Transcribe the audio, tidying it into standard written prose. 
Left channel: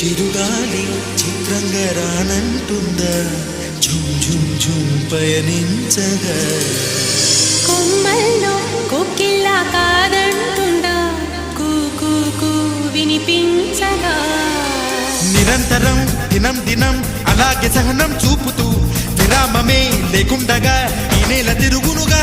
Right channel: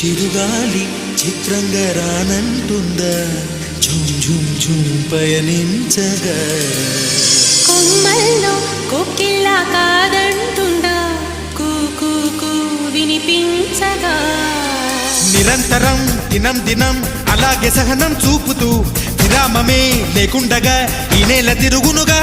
చిరుగాలి చిత్రంగా రానంటుందా ఝుమ్ ఝుమ్ ఝుమ్ పయనించగా కొమ్మల్లో కోకిల్లా కాదంటుందా కూ కూ కూ వినిపించగా నిరంతరం దినం దినం అలాగే సహనం చూపుతూ విరామమే లేకుండగా ఈ నేల తిరుగునుగా